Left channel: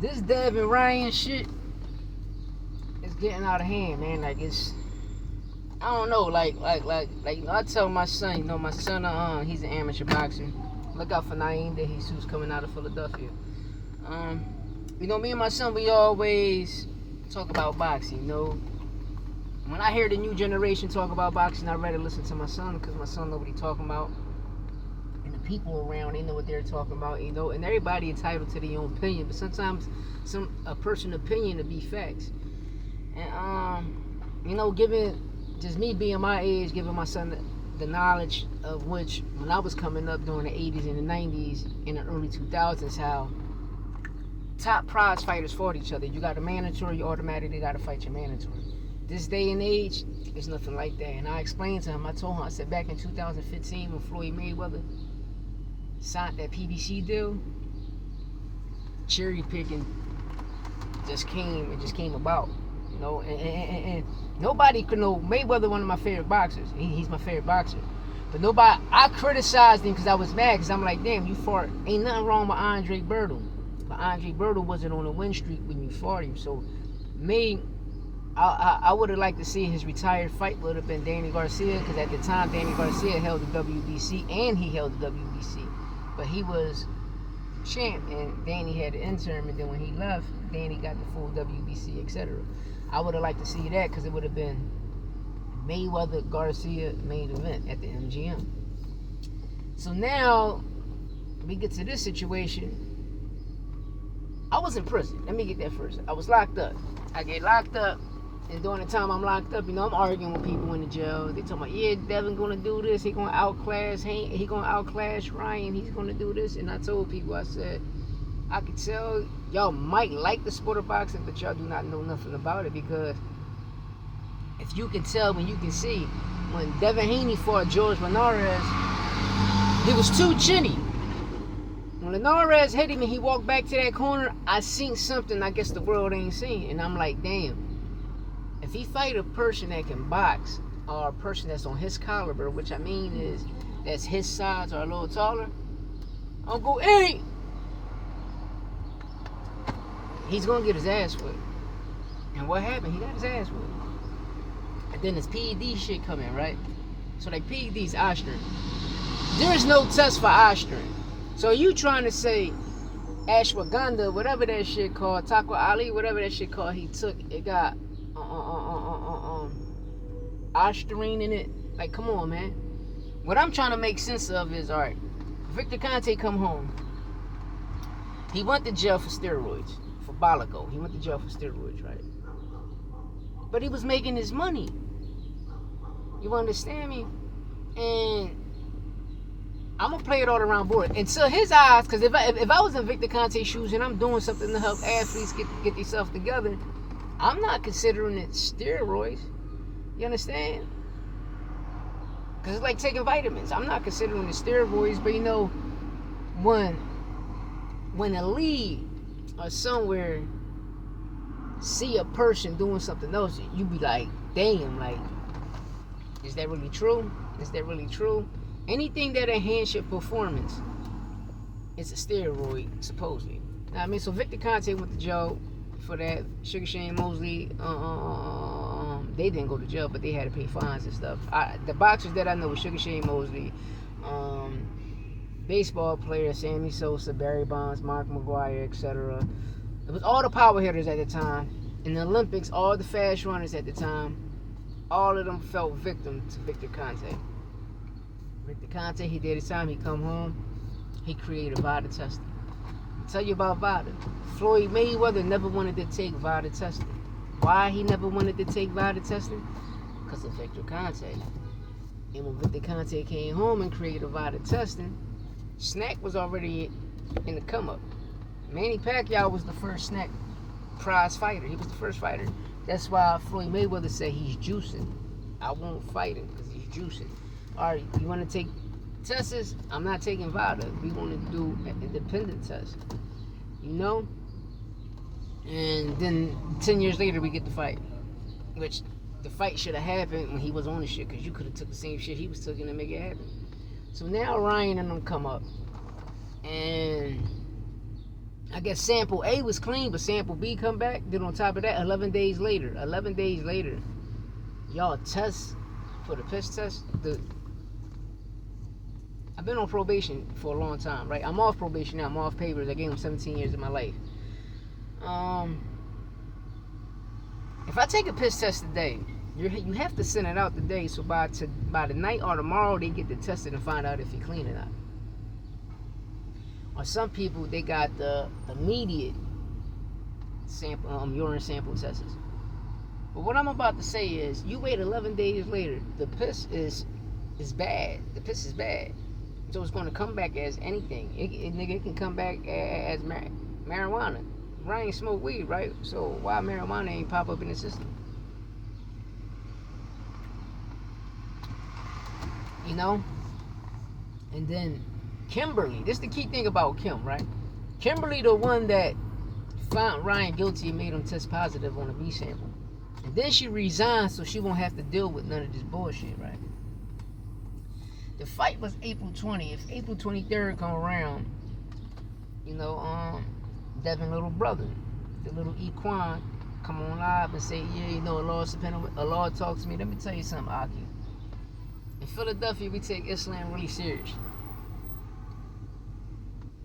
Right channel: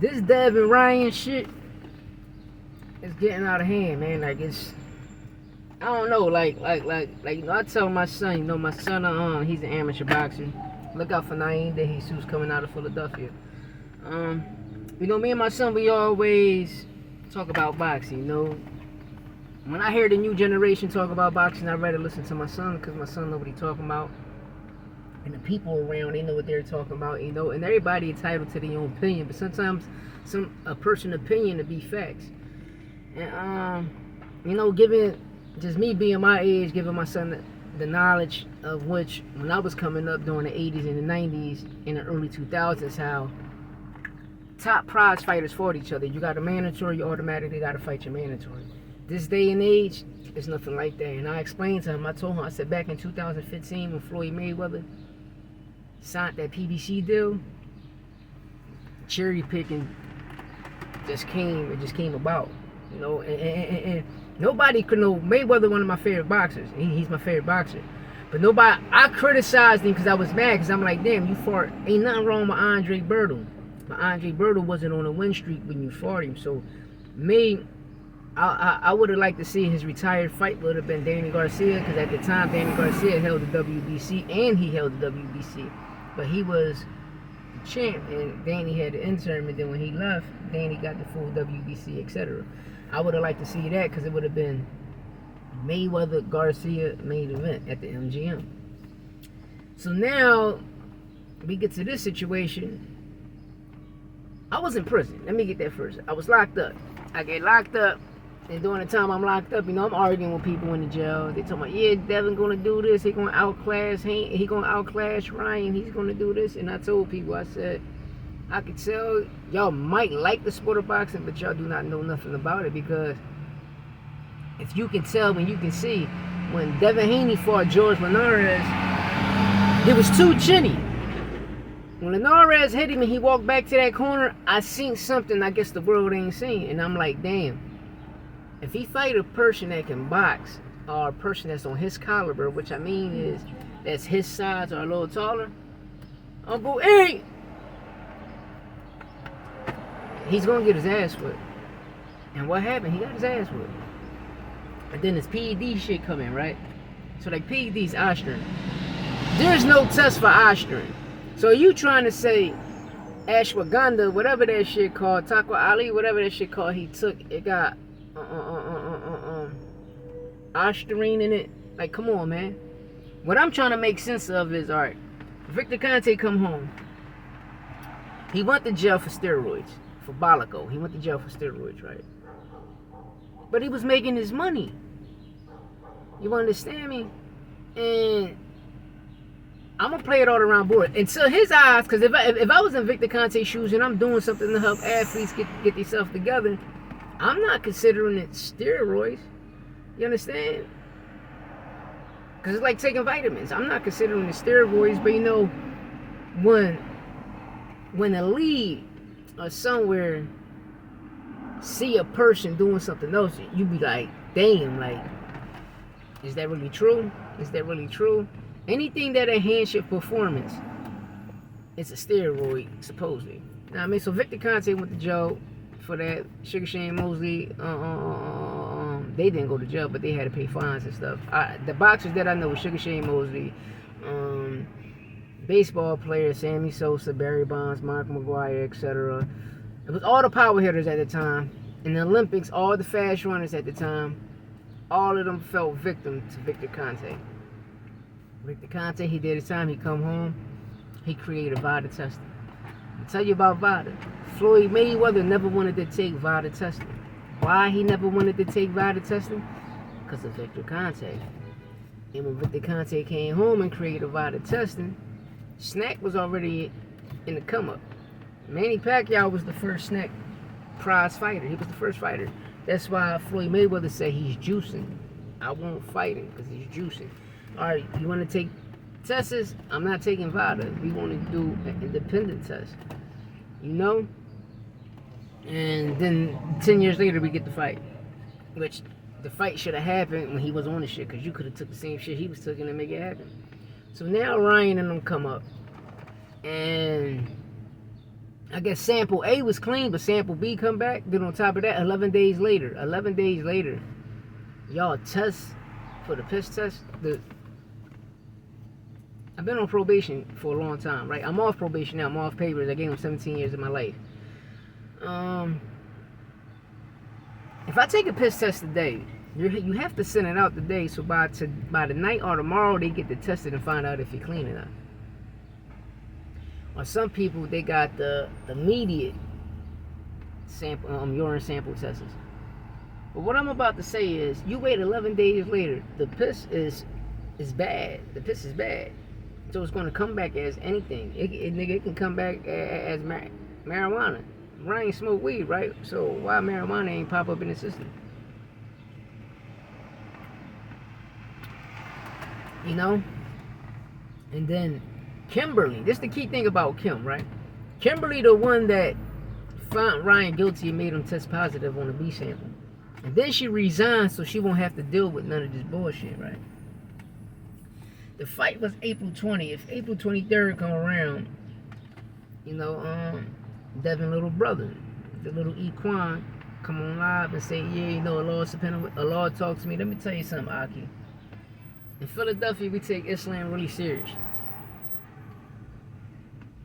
this Dev and Ryan shit is getting out of hand, man. Like it's, I don't know, you know, I tell my son, you know, my son, he's an amateur boxer. Look out for Naeem De Jesus coming out of Philadelphia. You know, me and my son, we always talk about boxing. You know, when I hear the new generation talk about boxing, I'd rather listen to my son because my son know what he's talking about. And the people around, they know what they're talking about, you know. And everybody entitled to their own opinion, but sometimes a person's opinion to be facts. And you know, given just me being my age, giving my son the knowledge of which when I was coming up during the 80s and the 90s and the early 2000s, how top prize fighters fought each other. You got a mandatory, you automatically got to fight your mandatory. This day and age, it's nothing like that. And I explained to him, I told him, I said back in 2015 when Floyd Mayweather signed that PBC deal, cherry picking just came about, you know, and nobody could know. Mayweather, one of my favorite boxers, he's my favorite boxer, but nobody, I criticized him because I was mad, because I'm like, damn, you fought, ain't nothing wrong with Andre Berto, but Andre Berto wasn't on a win streak when you fought him. So I would have liked to see his retired fight would have been Danny Garcia, because at the time Danny Garcia held the WBC and he held the WBC, but he was the champ and Danny had the interim, and then when he left, Danny got the full WBC, etc. I would have liked to see that because it would have been Mayweather Garcia main event at the MGM. So now we get to this situation. I was in prison. Let me get that first. I was locked up. I get locked up. And during the time I'm locked up, you know, I'm arguing with people in the jail. They talking about, yeah, Devin gonna do this. He gonna outclass Ryan. He's gonna do this. And I told people, I said, I could tell y'all might like the sport of boxing, but y'all do not know nothing about it, because if you can tell, when you can see, when Devin Haney fought George Linares, he was too chinny. When Linares hit him and he walked back to that corner, I seen something I guess the world ain't seen. And I'm like, damn. If he fight a person that can box, or a person that's on his caliber, which I mean is that's his size or a little taller, Uncle Eric, he's gonna get his ass whipped. And what happened? He got his ass whipped. And then this PED shit come in, right? So like PED's Ostrin. There's no test for Ostrin. So you trying to say ashwagandha, whatever that shit called, Taco Ali, whatever that shit called, he took, it got Osterine in it. Like, come on, man. What I'm trying to make sense of is, all right, Victor Conte come home. He went to jail for steroids, for Bolico. He went to jail for steroids, right? But he was making his money. You understand me? And I'm gonna play it all around board. And so his eyes, because if I was in Victor Conte's shoes and I'm doing something to help athletes get themselves together, I'm not considering it steroids. You understand? Because it's like taking vitamins. I'm not considering it steroids, but you know, when a league or somewhere see a person doing something else, you be like, damn, like, is that really true? Is that really true? Anything that enhances your performance, it's a steroid, supposedly. Now, I mean, so Victor Conte went to jail for that. Sugar Shane Mosley, they didn't go to jail, but they had to pay fines and stuff. The boxers that I know were Sugar Shane Mosley, baseball players, Sammy Sosa, Barry Bonds, Mark McGwire, etc. It was all the power hitters at the time. In the Olympics, all the fast runners at the time, all of them fell victim to Victor Conte. Victor Conte, he did his time, he come home, he created VADA testing. I'll tell you about VADA. Floyd Mayweather never wanted to take VADA testing. Why he never wanted to take VADA testing? Because of Victor Conte. And when Victor Conte came home and created VADA testing, Snack was already in the come up. Manny Pacquiao was the first Snack prize fighter. He was the first fighter. That's why Floyd Mayweather said he's juicing. I won't fight him because he's juicing. All right, you want to take tests? I'm not taking VADA. We want to do an independent test. You know? And then 10 years later, we get the fight. Which, the fight should have happened when he was on the shit, because you could have took the same shit he was taking and make it happen. So now Ryan and them come up. And I guess sample A was clean, but sample B come back. Then on top of that, 11 days later, y'all test for the piss test. I've been on probation for a long time, right? I'm off probation now. I'm off papers. I gave them 17 years of my life. If I take a piss test today, you have to send it out today, so by the night or tomorrow they get to test it and find out if you're clean or not. Or some people, they got the immediate sample, urine sample tests. But what I'm about to say is, you wait 11 days later, the piss is bad. The piss is bad, so it's going to come back as anything. It can come back as marijuana. Ryan smoke weed, right? So why marijuana ain't pop up in the system? You know? And then Kimberly, this is the key thing about Kim, right? Kimberly, the one that found Ryan guilty and made him test positive on the B sample. And then she resigned so she won't have to deal with none of this bullshit, right? The fight was April 20th. April 23rd come around, you know, Devin little brother, the little Equan, come on live and say, yeah, you know, Allah talks to me. Let me tell you something, Aki. In Philadelphia, we take Islam really serious.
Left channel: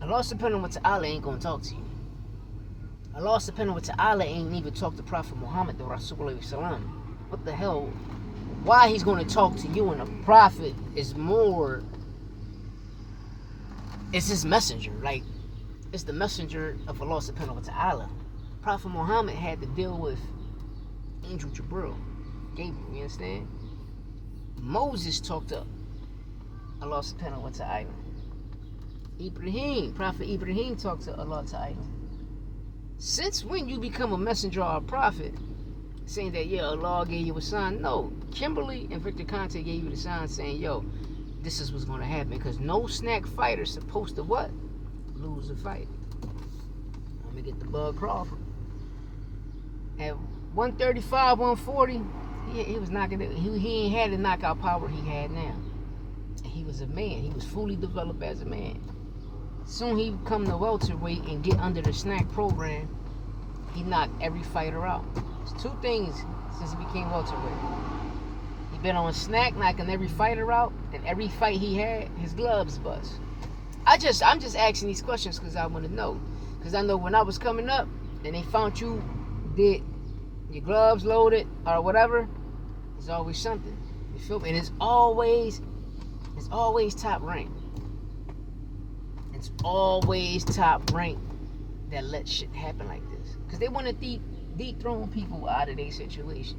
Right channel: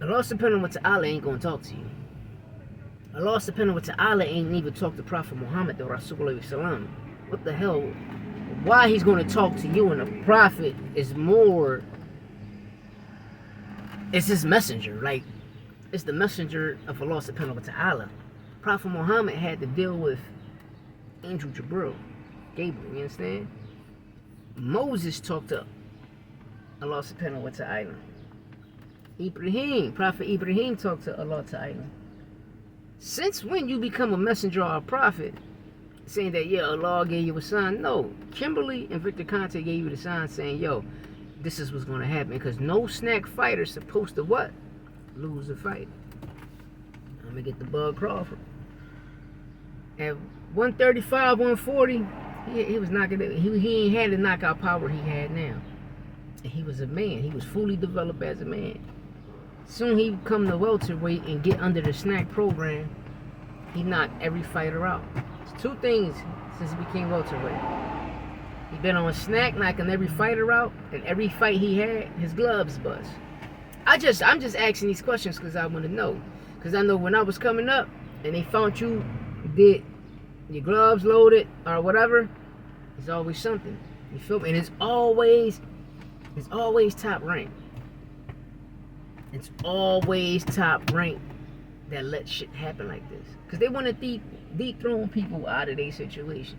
Allah subhanahu wa ta'ala ain't gonna talk to you. Allah subhanahu wa ta'ala ain't even talk to Prophet Muhammad, the Rasulullah Sallam. What the hell? Why he's gonna talk to you, and the Prophet is more, it's his messenger. Like, it's the messenger of Allah subhanahu wa ta'ala. Prophet Muhammad had to deal with Angel Gabriel, you understand? Moses talked to Allah subhanahu wa ta'ala. Prophet Ibrahim talked to Allah ta'ala. Since when you become a messenger or a prophet, saying that, yeah, Allah gave you a sign? No, Kimberly and Victor Conte gave you the sign saying, yo, this is what's going to happen. Because no snack fighter is supposed to what? Lose a fight. I'm going to get the Bud Crawford. At 135, 140, he was knocking it. He ain't had the knockout power he had now. And he was a man. He was fully developed as a man. Soon he come to welterweight and get under the snack program. He knocked every fighter out. It's two things since he became welterweight. He been on a snack, knocking every fighter out, and every fight he had, his gloves bust. I'm just asking these questions because I want to know. Because I know when I was coming up and they found you did your gloves loaded or whatever, there's always something. You feel me? And it's always top rank. It's always top rank that let shit happen like this. Because they want to dethrone people out of their situation.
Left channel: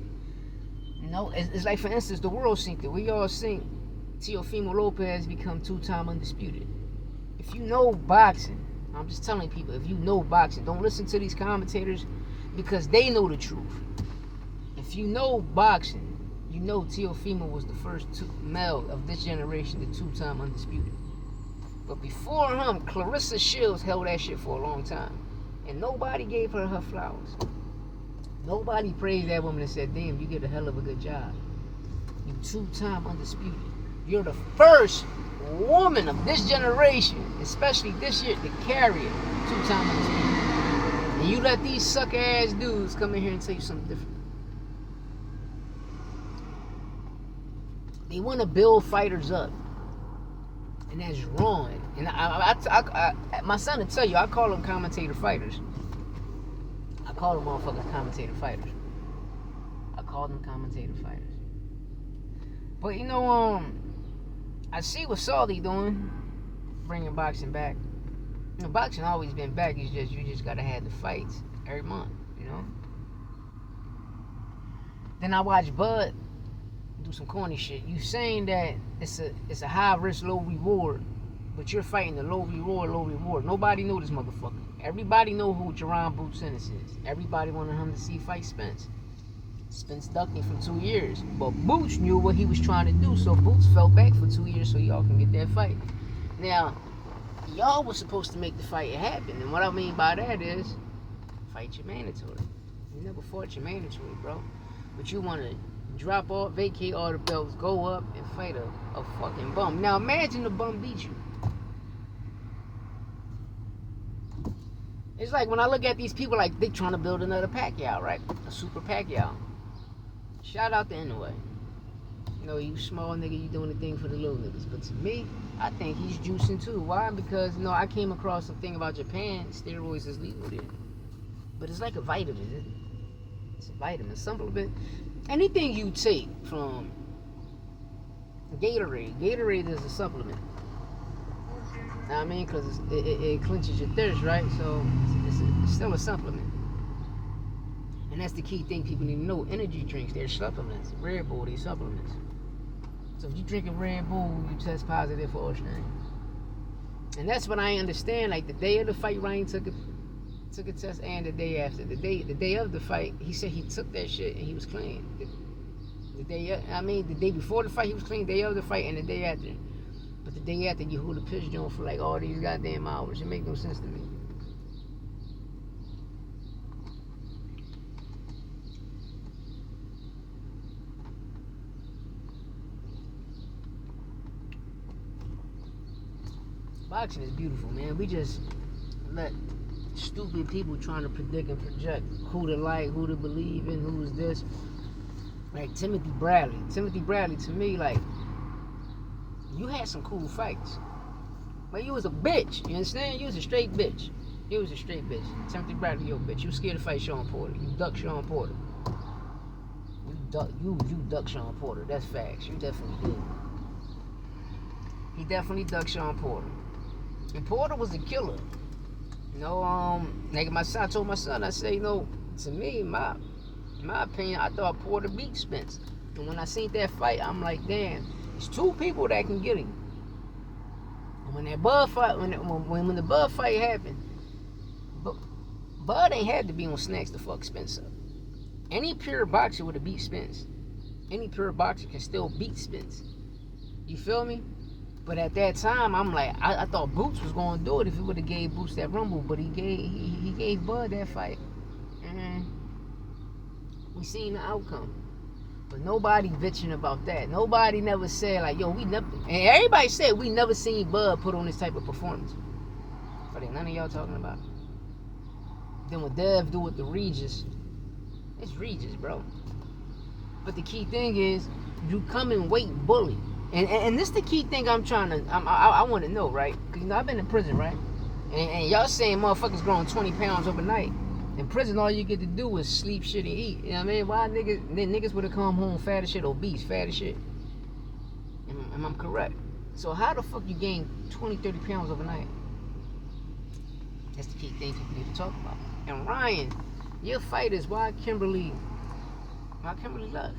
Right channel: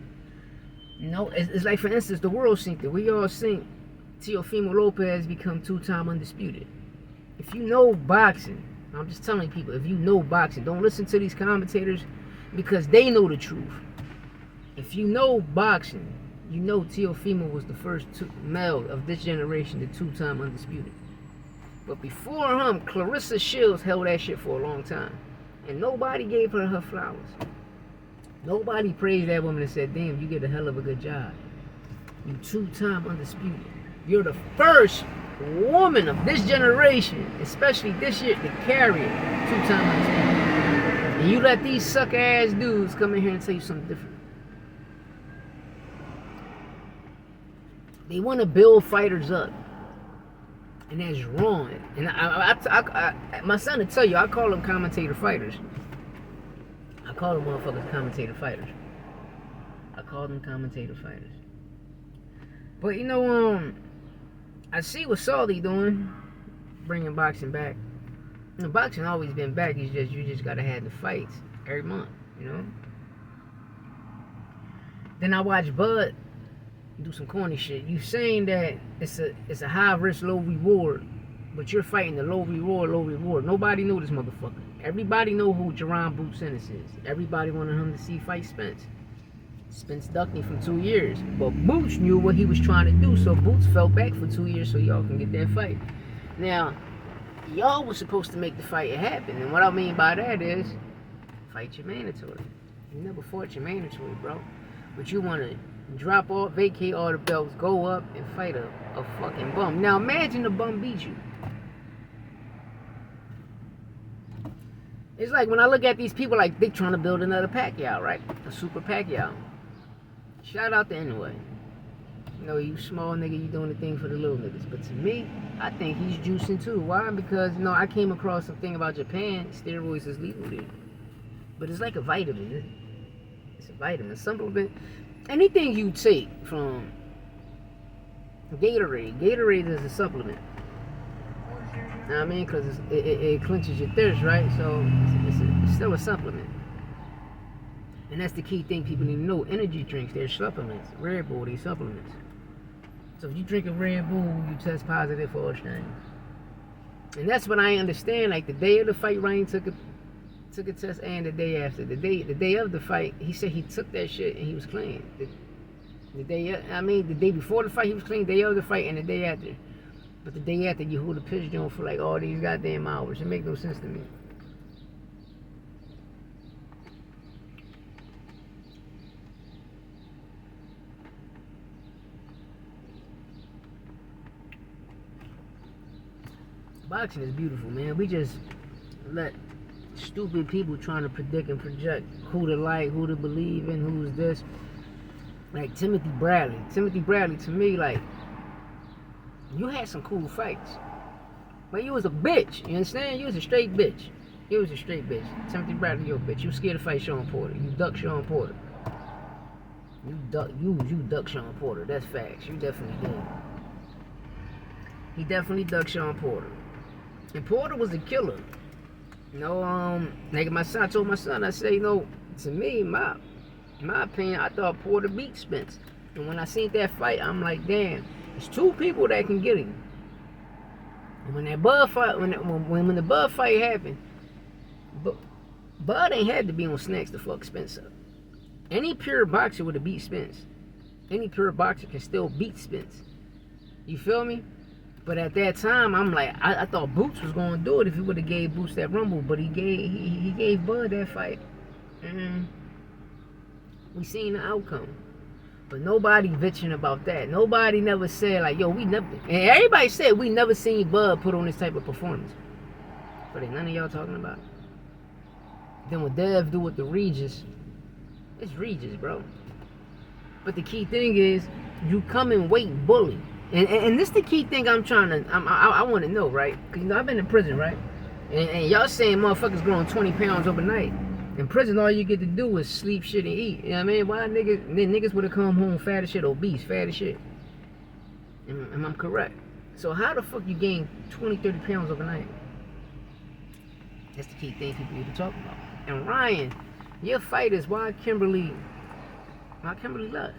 You know, it's like, for instance, the world synced it. We all sync. Teofimo Lopez become 2-time undisputed. If you know boxing, I'm just telling people, if you know boxing, don't listen to these commentators because they know the truth. If you know boxing, you know Teofimo was the first male of this generation to 2-time undisputed. But before him, Clarissa Shields held that shit for a long time. And nobody gave her flowers. Nobody praised that woman and said, damn, you did a hell of a good job. You 2-time undisputed. You're the first woman of this generation, especially this year, to carry it 2-time undisputed. And you let these sucker ass dudes come in here and tell you something different. They want to build fighters up. And that's wrong. And I my son will tell you, I call them commentator fighters. I call them motherfuckers commentator fighters. I call them commentator fighters. But you know, I see what Saudi doing, bringing boxing back. You know, boxing always been back. You just gotta have the fights every month. You know. Then I watch Bud do some corny shit. You saying that it's a high risk, low reward, but you're fighting the low reward. Nobody knew this motherfucker. Everybody know who Jerron Boots Ennis is. Everybody wanted him to see fight Spence. Spence ducked him for 2 years, but Boots knew what he was trying to do, so Boots fell back for 2 years so y'all can get that fight. Now, y'all was supposed to make the fight happen, and what I mean by that is fight your mandatory. You never fought your mandatory, bro, but you want to drop off, vacate all the belts, go up and fight a fucking bum. Now imagine the bum beat you. It's like when I look at these people, like they trying to build another Pacquiao, right? A super Pacquiao. Shout out to Anyway. You know, you small nigga, you doing the thing for the little niggas. But to me, I think he's juicing too. Why? Because, you know, I came across something about Japan. Steroids is legal there. But it's like a vitamin, isn't it? It's a vitamin. Supplement. Anything you take from Gatorade. Gatorade is a supplement. Know what I mean? Because it quenches your thirst, right? So it's still a supplement. And that's the key thing people need to know. Energy drinks, they're supplements. Red Bull, they're supplements. So if you drink a Red Bull, you test positive for Australia. And that's what I understand. Like the day of the fight, Ryan took a test, and the day after. The day of the fight, he said he took that shit and he was clean. The day before the fight he was clean. The day of the fight and the day after. But the day after, you hold the pitch down for like all these goddamn hours. It make no sense to me. Boxing is beautiful, man. We just let stupid people trying to predict and project who to like, who to believe in, who's this. Like Timothy Bradley. Timothy Bradley, to me, like, you had some cool fights. But you was a bitch. You understand? You was a straight bitch. You was a straight bitch. Timothy Bradley, you a bitch. You scared to fight Sean Porter. You duck Sean Porter. You duck Sean Porter. That's facts. You definitely did. He definitely ducked Sean Porter. And Porter was a killer. You know, like I told my son, I say, you know, to me, in my opinion, I thought Porter beat Spence. And when I seen that fight, I'm like, damn, it's two people that can get him. And when that Bud fight, when the Bud fight happened, Bud ain't had to be on snacks to fuck Spence up. Any pure boxer would have beat Spence. Any pure boxer can still beat Spence. You feel me? But at that time, I'm like, I thought Boots was going to do it if he would have gave Boots that rumble. But he gave Bud that fight. And we seen the outcome. But nobody bitching about that. Nobody never said, like, yo, we never... And everybody said we never seen Bud put on this type of performance. But ain't none of y'all talking about it. Then what Dev do with the Regis, it's Regis, bro. But the key thing is, you come and wait bully. And this the key thing I want to know, right? Because, you know, I've been in prison, right? And y'all saying motherfuckers growing 20 pounds overnight. In prison, all you get to do is sleep, shit, and eat. You know what I mean? Why niggas would have come home fat as shit, obese, fat as shit. Am I correct? So how the fuck you gain 20, 30 pounds overnight? That's the key thing people need to talk about. And Ryan, your fight is why Kimberly left.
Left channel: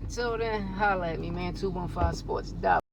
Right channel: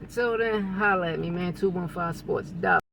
Until then, holla at me, man. 215 Sports.